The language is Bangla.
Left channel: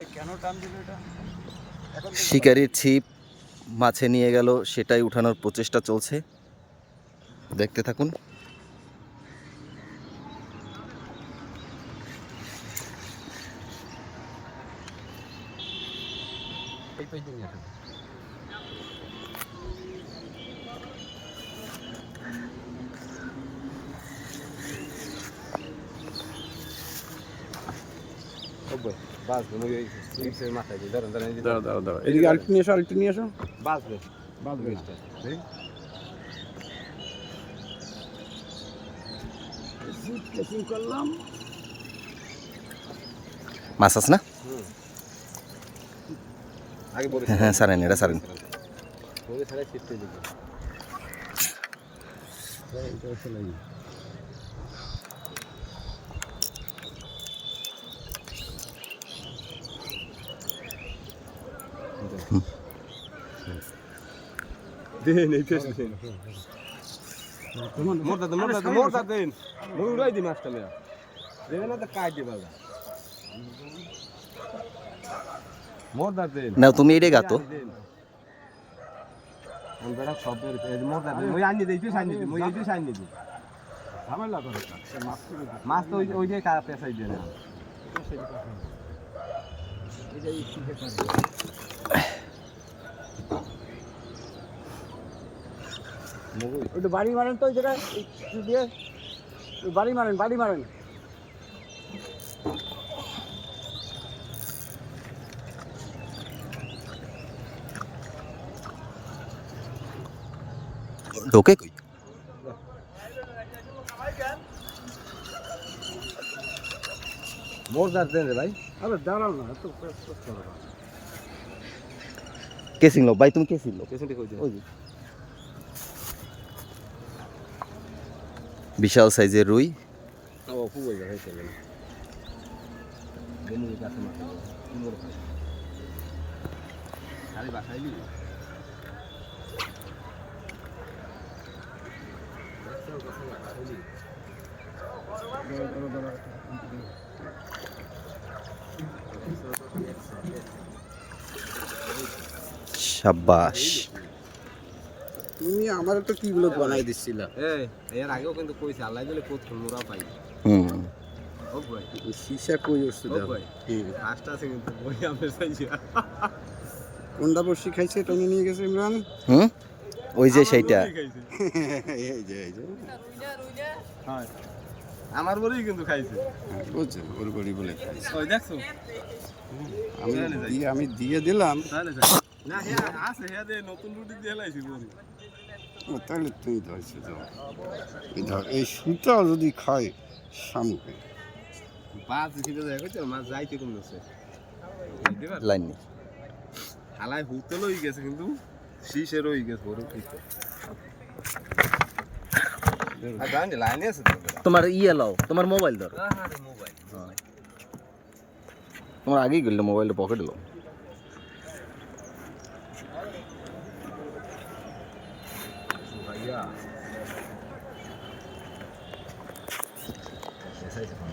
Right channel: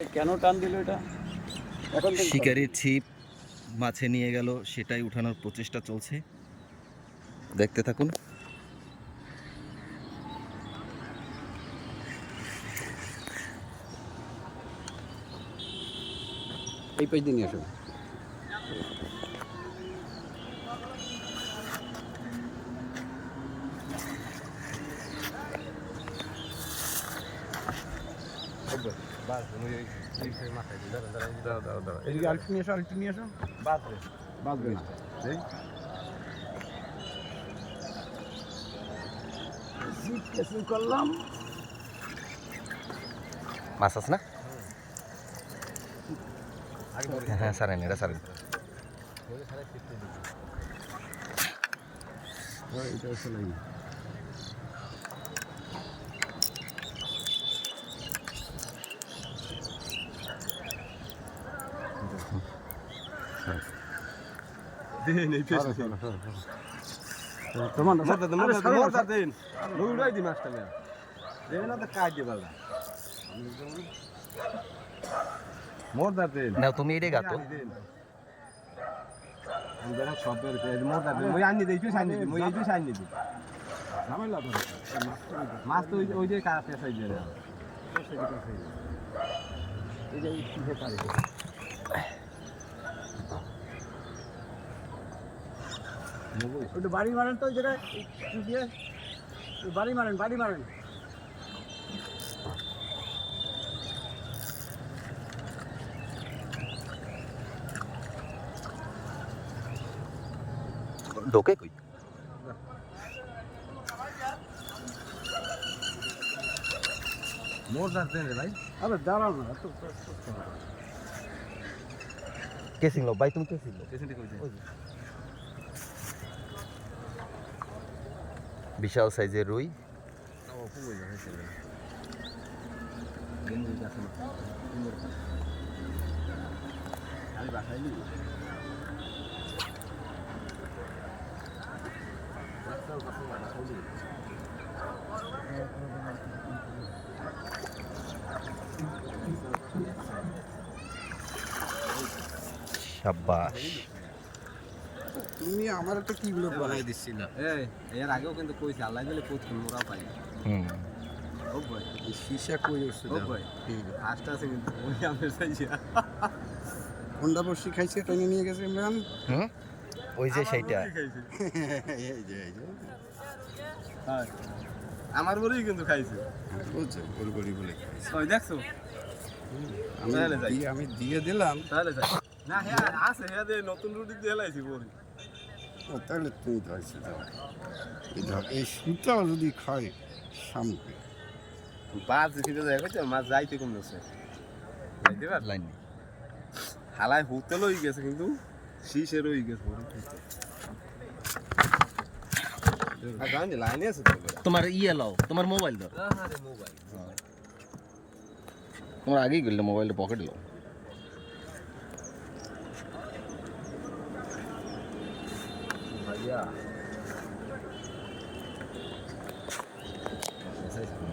কেন টান দিল এটা? শিকারির ছিপ মাছে নিয়ে গেল সেটাই উঠানোর প্রচেষ্টা চলছে। দেখতে থাকুন। এই পেজ দিয়ে নিয়ে আসো দাঁড়াও দাঁড়াও দাঁড়াও এদিকে আলটি নিয়ে এসো আলটি নিয়ে এসো বাঁচবে কেসিং করলাম। মাছ আছে না? হ্যাঁ হ্যাঁ সারেন এটা সারেন। এটা হচ্ছে লাগে দিন এই পেছ দেন। মোরদা দেন মোরদা দেন মুই উড়াই দি মাছটা মিয়া দেবে না তো কাট দি বালদা মোরদা দেন। না তুমি এটাই গাতো। আমি বেড়া সব বের এই মোরদা মুই আনি দেই পেছ আনি দি মুই এই পেছ আনি দি ঝামেলা করে মাছ তো ওই যে কাটা পেছাই দিয়ে না এটা এই শিখে পারে একটু বাড়ি মারেন তো ওই জায়গায় দিয়ে? বাড়ি মারেন বাড়ি মারেন। ঢোকে কই? মোরদা দেন রে ভাই। আরে দাঁড়াও না এত করো না। কে ছিলো ভাই তুমি কে ছিলো পেছনটি কই দে ওই যে, বিশাল সাইজের রুই। ও খুব মোর খাই খালি বাসাইলি একটাও কথা বাসাইলি দাঁড়াও, দাঁড়াও, দাঁড়াও। সাব্বাস তুমি আমার তো কি ব্লগ বানাই দিচ্ছিল। এই এর আগেও কিন্তু কইছে আল্লাহ দিলে করতো মোরা পাই। হুম। ও ভাই। সীসা কই ওষুধ ও ভাই ফার্স্ট আছে কিন্তু ওই আমি চাইছি। কোনটা বসি খাইছে তাই নিয়ে গেছে ইমরান? হুম? ওই যে সেইটা। এই যে এই যে। আমার বড়ই কিন্তু খাইছে। বুঝছ ওর বড়ি বলে খাইছে। ওই দেখছ? আমি দিয়ে আমি দিয়ে দিলাম। তাহলে যাই। না হ্যাঁ আছে হ্যাঁ দে নতুন রুটি দিয়ে লাইছি তাহলে তুমি ধরছো তো ধর এই সুতাও যদি খাই সামনে বাস মাছ যাইতে কম যাচ্ছে লাইন হালাই হুতে লই গেছে কিন্তু শীষে রই গেছে ঠিক লাইনে আছে তো তোমার ইয়ে লাও তোমার মোবাইল ধর। মোবাইল। তোমার আগেই গেলে মোবাইলটা পকেটে লাও। ইয়া এসাইজ ফোন